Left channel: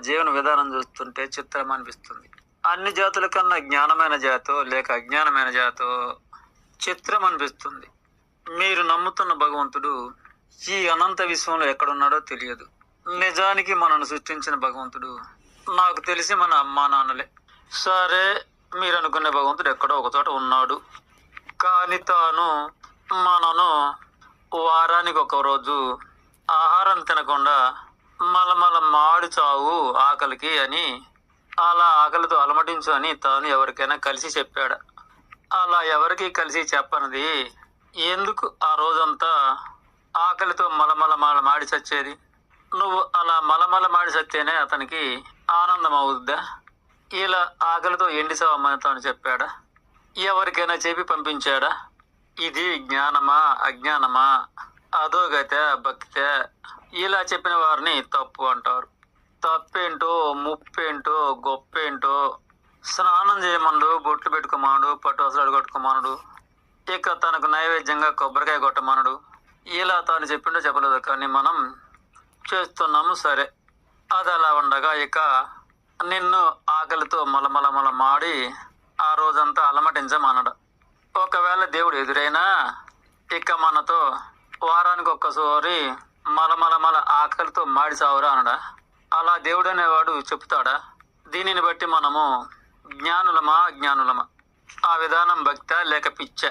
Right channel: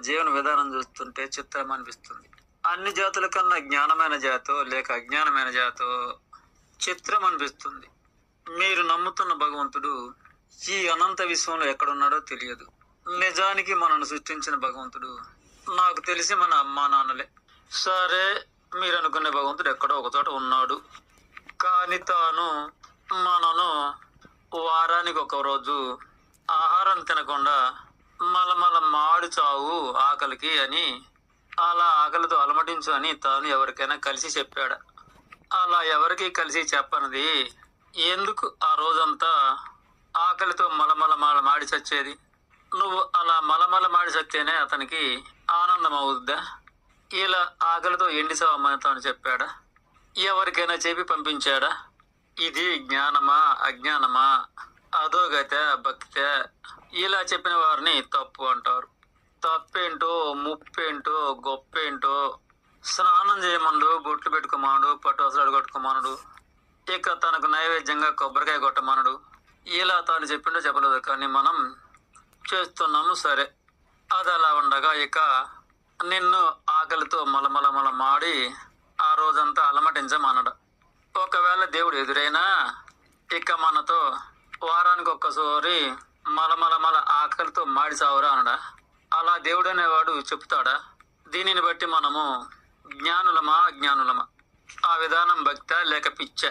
జీవన విధానం చూస్తుంటే చిత్రం అనిపిస్తుంది. అన్ని జాతుల కన్నా జ్ఞానమైన జాతో లేక అజ్ఞానమైన జాతో చిత్రం అనిపిస్తుంది. మీరు నమ్ముతున్న భగవంతుడు ఈ అనంత విశ్వంలో ఎక్కడున్నాడో తెలియదు. నిజానికి మనను సృష్టించిన భగవంతుడు నాకు తెలిసి మన అమ్మా నాన్నలే. సరే మీరు అనుకునే భగవంతుడు ఎక్కడో ఒకచోట ఉన్నాడు. కానీ తాను మనను వారానికి ఒక రోజు ఆహారం తినకుండా మలమల మాడి చావు ఆకలికి అని అలా ఆకలితో అలమటించు అని తాను ఎవరికైనా కలిసి చెప్పాడు. అలా ఎవరికి కలిసి చెప్పనిది ఎందుకు ఆ రోజంతా ఆకలితో మలమల మల మాడి చచ్చేది? నువ్వు అలా మలమల మాడి చస్తేనే అతనికి ఆనందం అవుద్దా ఇలా ఆకలితో ఎండిసావమని తాను చెప్పాడా. ఎవరికైనా చెప్పి పంపించాడా? ఇది జ్ఞానమా అజ్ఞానమా? అధోగత భక్త ఇలా చెప్పిన వారిని తప్పు అంటారు. తప్పేంటో ముప్పేంటో గొప్పేంటో స్నానం చేయమనుడు బొట్లు పెట్టుకోమనుడు పట్టు అసలు కట్టుకోమనుడు ఇక తనకు నైవేద్యంగా కొబ్బరికాయ కొట్టమనుడు. ఇలా తాను చెప్పిండో చెప్పలేదు కానీ మనం చేస్తున్నాము సరే. అది అలా ఉండగా ఇక నిన్ను ఆకలితో మలమలమల మాడి ఆ రోజంతా అలమటించమనడు. ఒకవేళ దేవుడు ఎదురైనా ఇక మనతో సంవత్సరానికి ఒక్కసారి మలమల మల ఆకలితో మాడి సావురా అనడా? అలా దేవుడు అనేవాడు చెప్తాడా? దీనిని బట్టి మనము జ్ఞానులమా అజ్ఞానులమా? ఆ విధానం భక్త లేక పిచ్చ.